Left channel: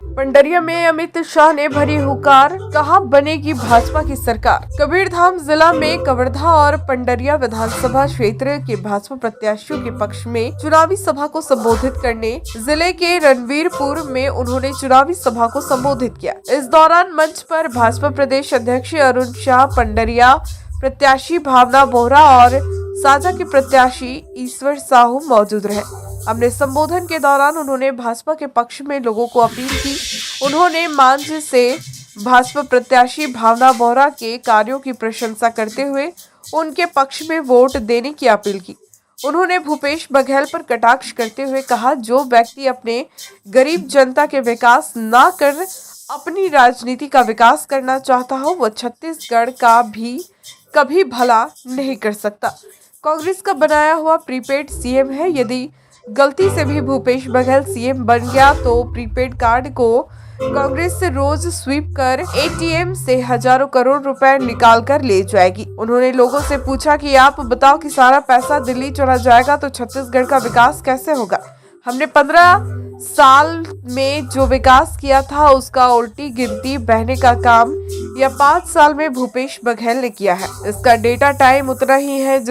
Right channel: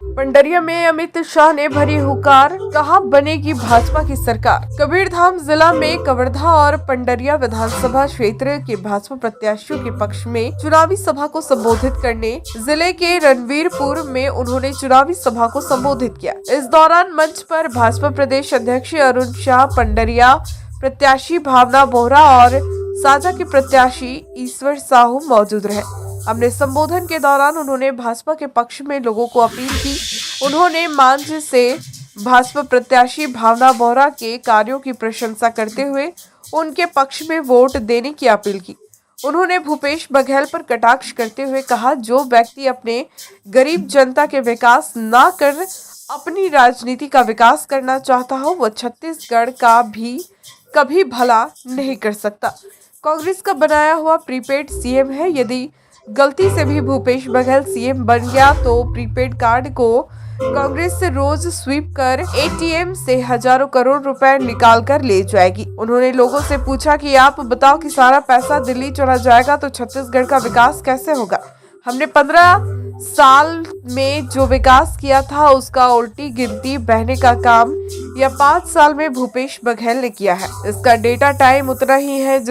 पंडरिया में अमित शाह ने भरी हुंकार, कहा बनेगी भाजपा की सरकार। कबीरधाम जिला में कवर्धा और पंडरिया विधानसभा क्षेत्र के भाजपा प्रत्याशियों के पक्ष में चुनावी सभा को संबोधित करने जिले के रणवीरपुर में उन्होंने चुनावी सभा को संबोधित किया। इस दौरान मंच पर भाजपा प्रदेश अध्यक्ष अरुण शाह, पंडरिया प्रत्याशी भावना बोहरा और साजा के प्रत्याशी ईश्वर साहू मौजूद रहे। अपने संबोधन के दौरान उन्होंने भाजपा के पक्ष में लोगों को अपील की। उन्होंने मंच से भाजपा प्रत्याशी भावना बोहरा के कार्यों की प्रशंसा करते हुए उनके पक्ष में वोट देने की अपील की। उन्होंने भूपेश बघेल पर कटाक्ष करते हुए कहा, जो व्यक्ति अपने गरीब जनता के विकास न कर अपनी राजनीति का विकास करना चाहता हो, वह छत्तीसगढ़ का भी कभी भला नहीं कर सकता। कांग्रेस का बनाया हुआ प्रीपेड सीएम है। यदि गलती से भी भूपेश बघेल सीएम बन गया तो प्रीपेड कार्ड को कांग्रेस से रोज स्वीप कर एटीएम से हजारों करोड़ रुपए निकाल कर ले जाएगी। उन्होंने लोगों से पूछा कि आप बताओ कि सारा पैसा दिल्ली चला जाएगा तो छत्तीसगढ़ का विकास कैसे होगा। हमने 15 साल में जो विकास किया था उसका उल्टी गिनती बहने का काम या 5 साल में भूपेश बघेल ने किया है। इसका डेटा टाइम उतना ही है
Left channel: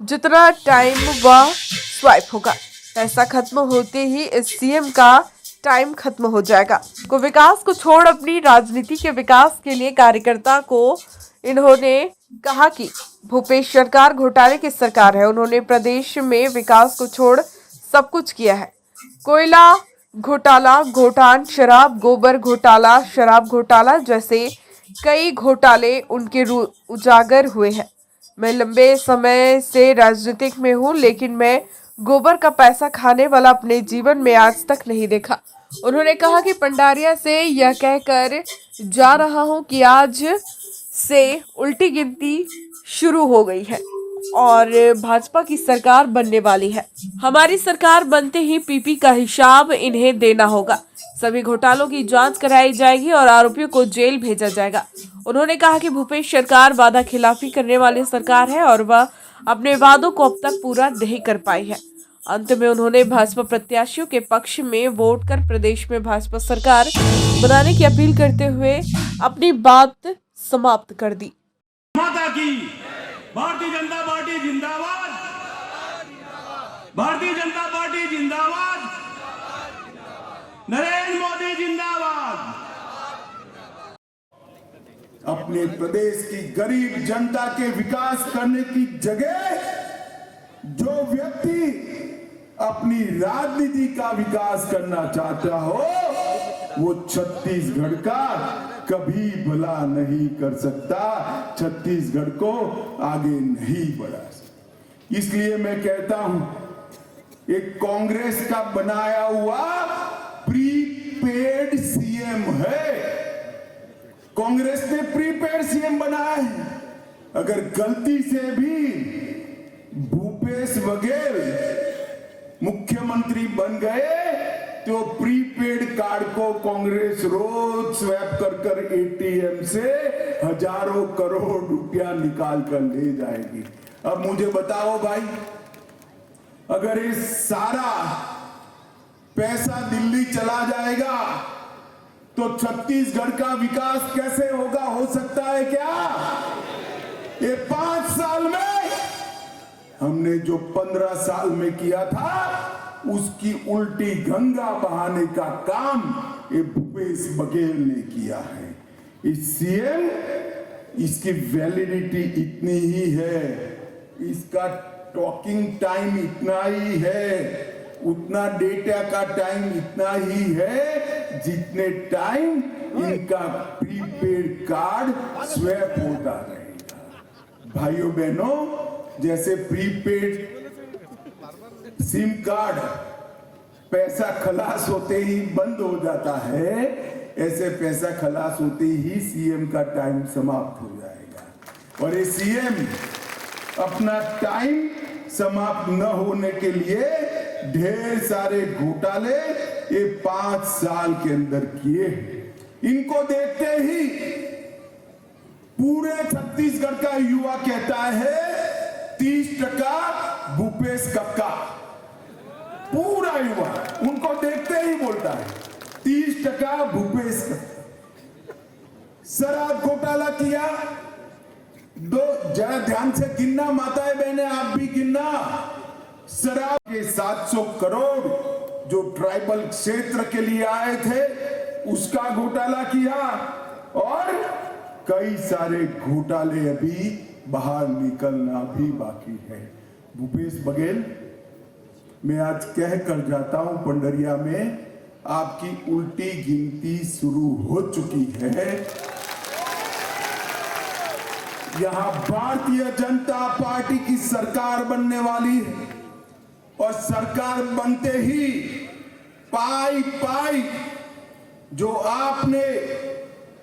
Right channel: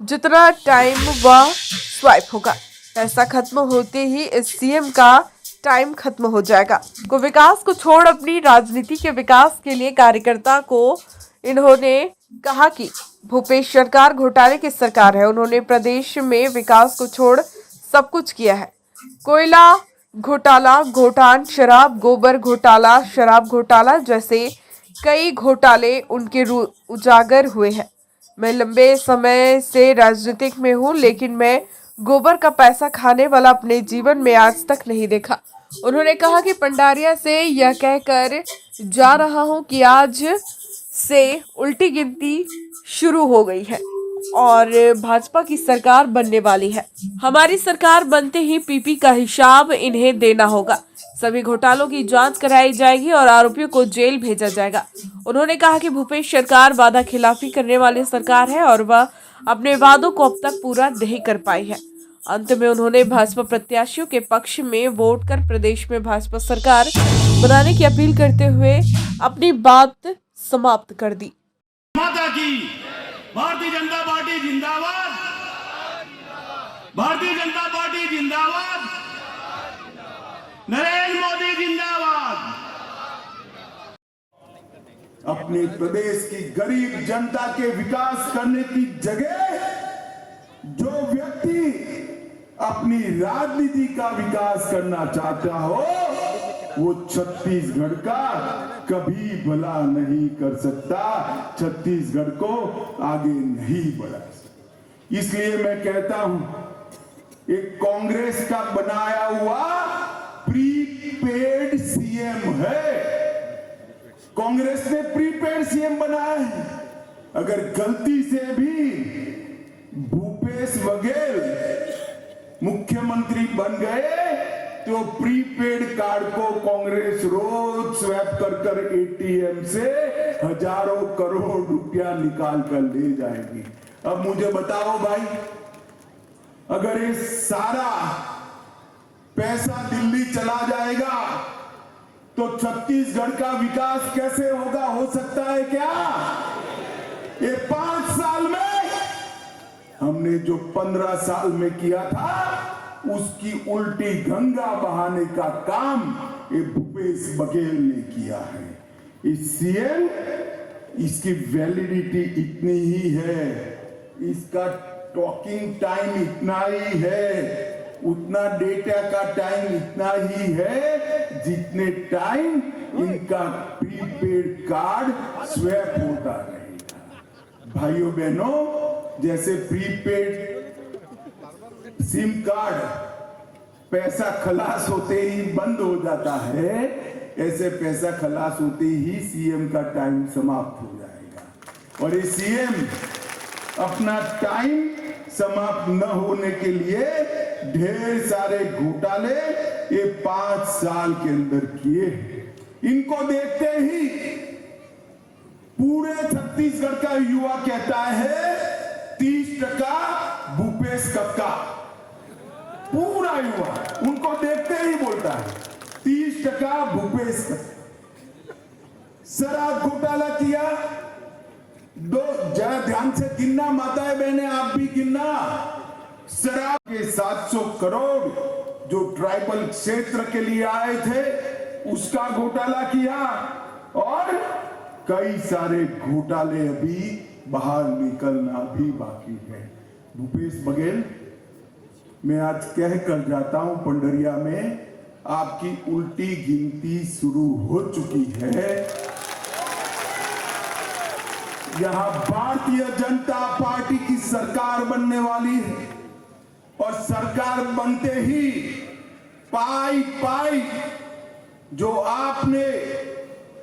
जितना टाइम वह स्वाइप होगा। पैसा खत्म होते ही इस सीएम का टाइम खत्म हो जाएगा। को विकास को छोड़ अपनी राजनीति के विकास के लिए कार्यकर्ता को इन्होंने कहा कि भूपेश सरकार घोटाले की सरकार है। उन्होंने प्रदेश में विकास को छोड़ सब कुछ किया है। कोयला घोटाला, घोटान शराब, गोबर घोटाला, शराब घोटाला जैसे कई घोटाले उनके उजागर हुए हैं। मैं लंबे समय से राजनीतिक में हूँ, लेकिन मैं गोबर का पैसा खाने वाला अपने जीवन में आज तक नहीं देखा। उन्होंने कहा कि पंडारिया से यह कहकर जा रहा हूँ कि आज से उल्टी गिनती शुरू हो गई है और भाजपा की सरकार बनने वाली है। हमारी सरकार बनते ही पीपी का हिसाब इन्हें देना होगा। सभी घोटालों की जांच कराई जाएगी और आरोपियों को जेल भेजा जाएगा। उन्होंने कहा कि भूपेश सरकार वादा खिलाफी करने वाली सरकार है और वह अपने वादों को अब तक पूरा नहीं कर पाई है। अंत में उन्होंने भाजपा प्रत्याशियों के पक्ष में वोट कर प्रदेश में भाजपा सरकार बनाने की अपील करते हुए अपनी बात समाप्त कर दी। भारतीय जनता पार्टी जिंदाबाद, भारतीय जनता पार्टी जिंदाबाद, नरेंद्र मोदी जिंदाबाद। अपने प्रदेश की गरीब जनता के विकास करने की जगह जो व्यक्ति अपनी राजनीति का विकास करना चाहता हो वो छत्तीसगढ़ का कभी भला नहीं कर सकता, छत्तीसगढ़ को आगे नहीं बढ़ा सकता। इसलिए मैं कहता हूं, एक कांग्रेस का बनाया हुआ प्रीपेड सीएम है। कांग्रेस ने प्रीपेड सीएम बनाया है। अगर गलती से भी भूपेश बघेल मुख्यमंत्री बन गए तो प्रीपेड कार्ड को कांग्रेस रोज स्वैप कर एटीएम से हजारों करोड़ रुपया निकाल कर ले जाएगी। अब मुझे बताओ भाई, अगर ये सारा पैसा दिल्ली चला जाएगा तो छत्तीसगढ़ का विकास कैसे होगा? हो सकता है क्या? ये 5 साल में हमने जो 15 साल में किया था उसकी उल्टी गंगा बहाने का काम ये भूपेश बघेल ने किया है। इस सीएम, इसकी वैलिडिटी इतनी ही है, इसका टॉकिंग टाइम इतना ही है, उतना डेटा का टाइम इतना ही है जितने टाइम इनका प्रीपेड कार्ड स्वैप होता रहेगा। भाइयों बहनों, जैसे प्रीपेड सिम कार्ड पैसा खलास होते ही बंद हो जाता है, ऐसे पैसा खलास होते ही सीएम का टाइम समाप्त हो जाएगा। और ये सीएम अपना टाइम समाप्त न होने के लिए ढेर सारे घोटाले ये 5 साल के अंदर किए। इनको देखते ही पूरे छत्तीसगढ़ का युवा कहता है 30% भूपेश कक्का। पूरा युवा उनको देखते ही बोलता है 30% भूपेश का। शराब घोटाला किया, दो जरा ध्यान से गिनना, माताएं बहनें आप भी गिनना। शराब के 700 करोड़ जो ट्राइबल क्षेत्र के लिए आए थे उसका घोटाला किया, और कई सारे घोटाले अभी बाहर निकलना भी बाकी है। भूपेश बघेल, मैं आज कह कर जाता हूं, पंडरिया में आपकी उल्टी गिनती शुरू हो चुकी है। यहां भारतीय जनता पार्टी की सरकार बनने वाली है, और सरकार बनते ही पाई पाई जो आपने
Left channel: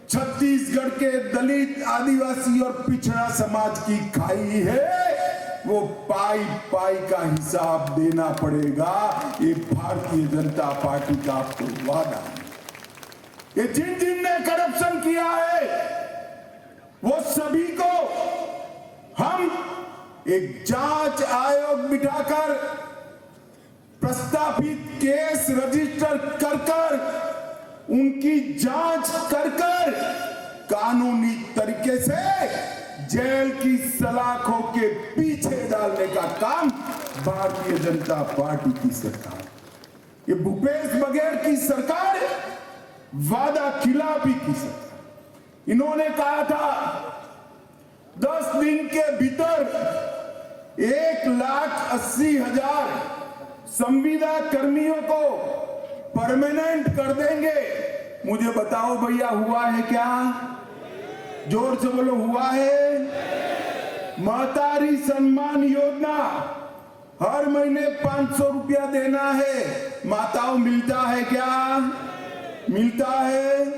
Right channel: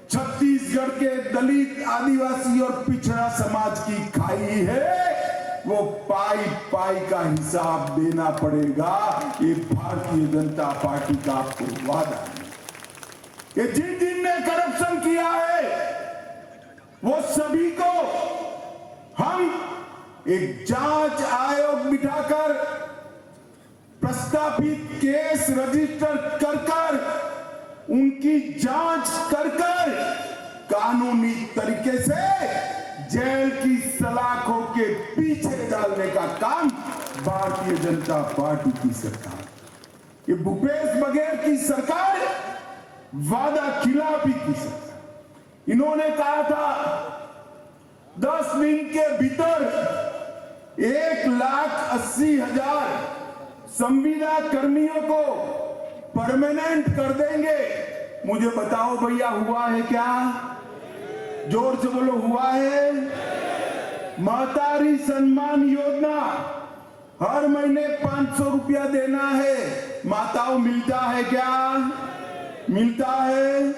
छत्तीसगढ़ के दलित, आदिवासी और पिछड़ा समाज की खाई है, वो पाई पाई का हिसाब देना पड़ेगा। ये भारतीय जनता पार्टी का आपको वादा है। ये जिन जिन ने करप्शन किया है वो सभी को हम एक जांच आयोग बिठाकर प्रस्तावित केस रजिस्टर कर उनकी जांच कर कानूनी तरीके से जेल की सलाखों के पीछे डालने का काम भारतीय जनता पार्टी की सरकार, ये भूपेश बघेल की सरकार वादा खिलाफी की सरकार। इन्होंने कहा था 10 दिन के भीतर 1,80,000 संविदा कर्मियों को परमानेंट कर देंगे। मुझे बताओ भैया, हुआ है क्या? जोर से बोलो, हुआ है? महतारी सम्मान योजना, हर महीने 500 रुपया देना है। माताओं, मिलता है क्या? मिलता है।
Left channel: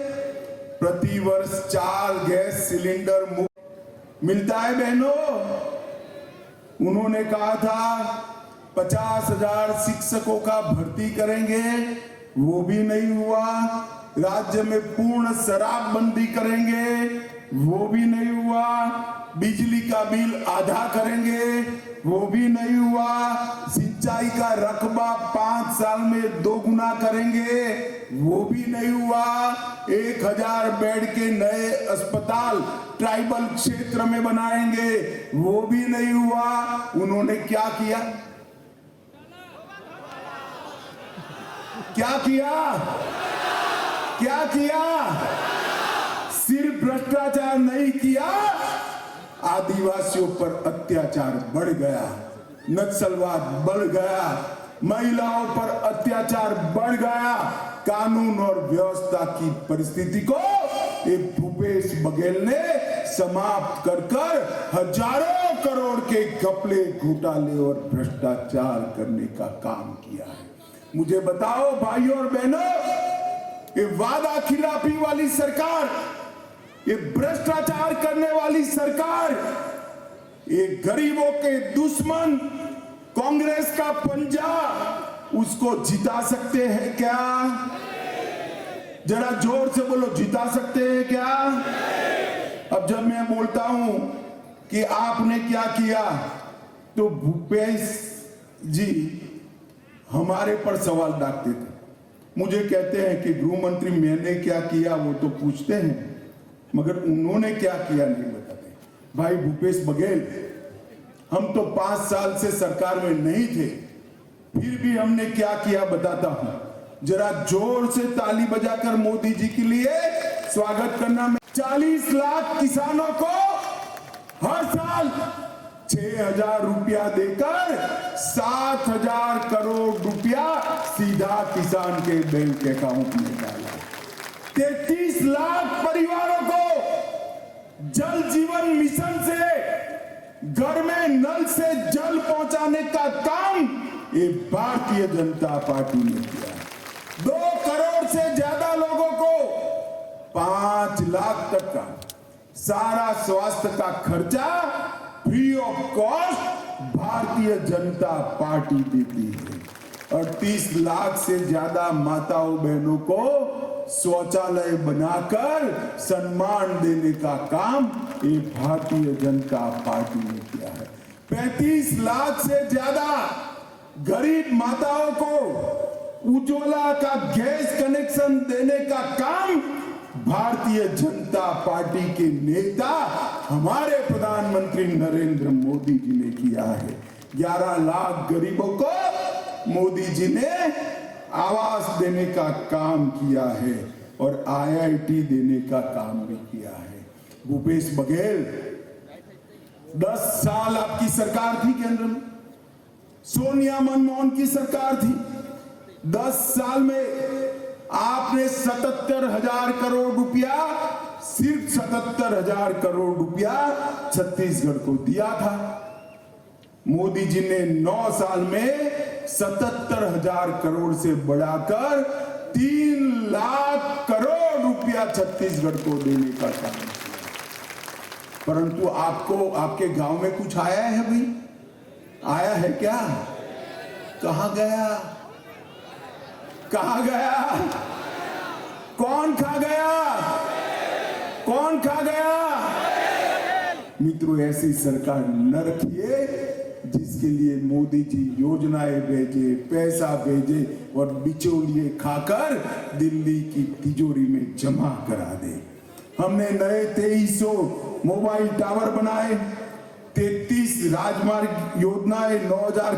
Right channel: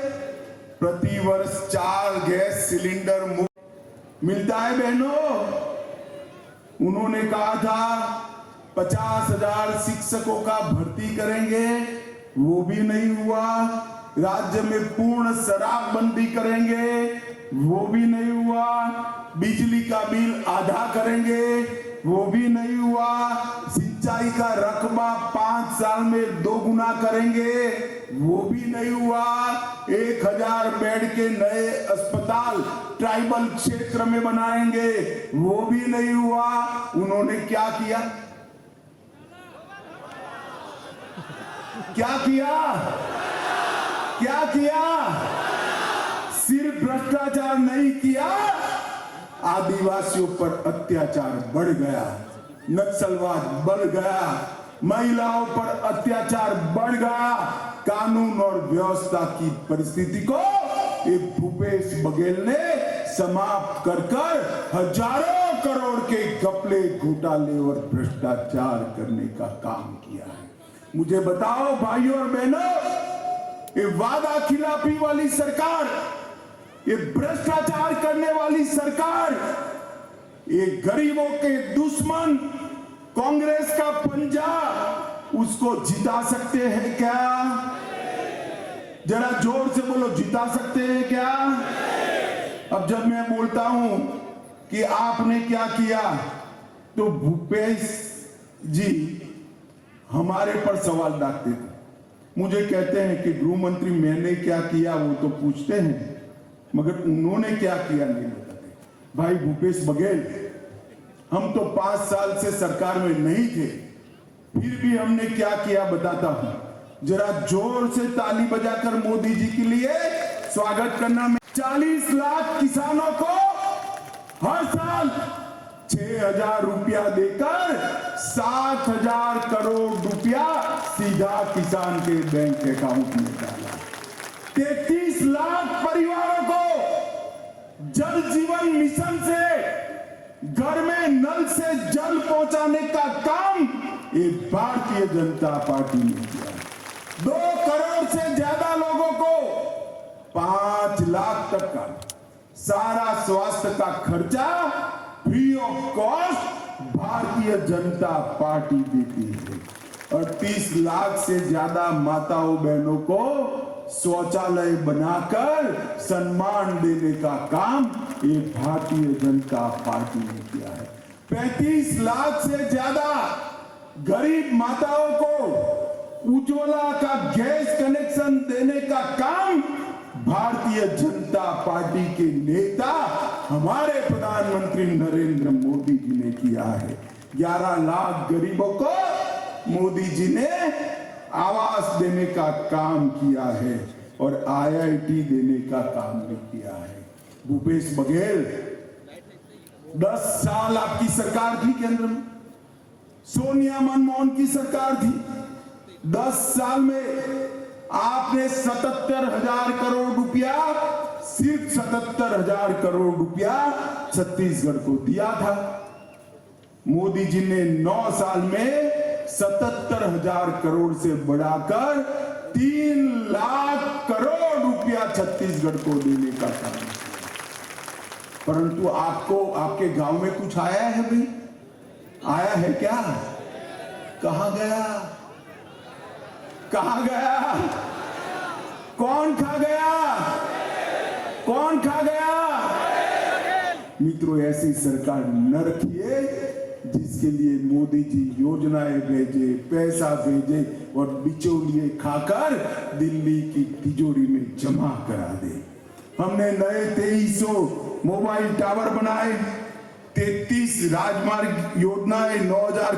प्रतिवर्ष 4 गैस सिलेंडर मिलता है बहनों। उन्होंने कहा था 50,000 शिक्षकों का भर्ती करेंगे, वो भी नहीं हुआ। राज्य में पूर्ण शराबबंदी करेंगे, वो भी नहीं हुआ। बिजली का बिल आधा करेंगे, वो भी नहीं हुआ। सिंचाई का रकबा 5 साल में 2 गुना करेंगे, वो भी नहीं हुआ। 1000 बेड के नए अस्पताल ट्राइबल क्षेत्र में बनाएंगे, वो भी नहीं हुआ। उन्होंने क्या किया? क्या किया? क्या किया? सिर्फ भ्रष्टाचार नहीं किया, आदिवासियों पर अत्याचार बढ़ गया, नक्सलवाद बढ़ गया, महिलाओं पर अत्याचार बढ़ गया। कानून और व्यवस्था की परिस्थिति को एक भूपेश बघेल ने समाप्त कर हजारों करोड़ के घपले, घोटाले और भ्रष्टाचार करने का काम किया है। मुझे बताओ भाइयों और बहनों, ये वादा खिलाफी वाली सरकार, ये भ्रष्टाचार करने वाली सरकार, ये गरीबों के दुश्मन कांग्रेस का पंजा, उसको जिता सकते हैं क्या? जरा जोर से बोलो, जिता सकते हैं क्या? अब जब मैं बोलता हूं कि आपने क्या किया, तो भूपेश जी हमारे पर सवाल डालते थे। मुझे कहते हैं कि गृह मंत्री मैंने क्या किया वो तो पूछते हैं, मगर उन्होंने क्या किया नहीं बताते। भाई भूपेश बघेल, हम तो 5 साल से सरकार में नहीं थे, फिर भी हमने क्या किया बताता हूं। जरा जोर से ताली बजाकर मोदी जी के लिए स्वागत करना। 40 लाख किसानों को हर साल 6,000 रुपया देकर 7,000 करोड़ रुपया सीधा किसान के बैंक अकाउंट में डाला। 33 लाख परिवारों को जल जीवन मिशन से घर में नल से जल पहुंचाने का काम ये भारतीय जनता पार्टी ने किया। 2 करोड़ से ज्यादा लोगों को 5 लाख तक का सारा स्वास्थ्य का खर्चा free of cost Bharatiya Janata party देती है। और 30 लाख से ज्यादा माताओं बहनों को शौचालय बनाकर सम्मान देने का काम ये भारतीय जनता पार्टी ने किया है। 35 लाख से ज्यादा गरीब माताओं को उज्ज्वला का गैस कनेक्शन देने का काम भारतीय जनता पार्टी के नेता हमारे प्रधानमंत्री नरेंद्र मोदी जी ने किया है। 11 लाख गरीबों को मोदी जी ने आवास देने का काम किया है और IIT देने का काम भी किया है। भूपेश बघेल 10 साल आपकी सरकार थी केंद्र में, सोनिया मनमोहन की सरकार थी। 10 साल में आपने 77,000 करोड़ रुपया, सिर्फ 77,000 करोड़ रुपया छत्तीसगढ़ को दिया था। मोदी जी ने 9 साल में 77,000 करोड़ से बढ़ाकर 3 लाख करोड़ रुपया छत्तीसगढ़ को देने का काम किया। परंतु आपको आपके गांव में कुछ आया है भाई? आया है क्या? कहां गया? कहां गया? कौन खा गया? कौन खा गया? मित्रों, ऐसी सरकार न रखिए जिसके लिए मोदी जी योजनाएं भेजे, पैसा भेजे और बिचौलिए खाकर दिल्ली की तिजोरी में जमा करा दे। हमने नए 2300 मोबाइल टावर बनाए, 33 राजमार्ग योजनाएं, 9,000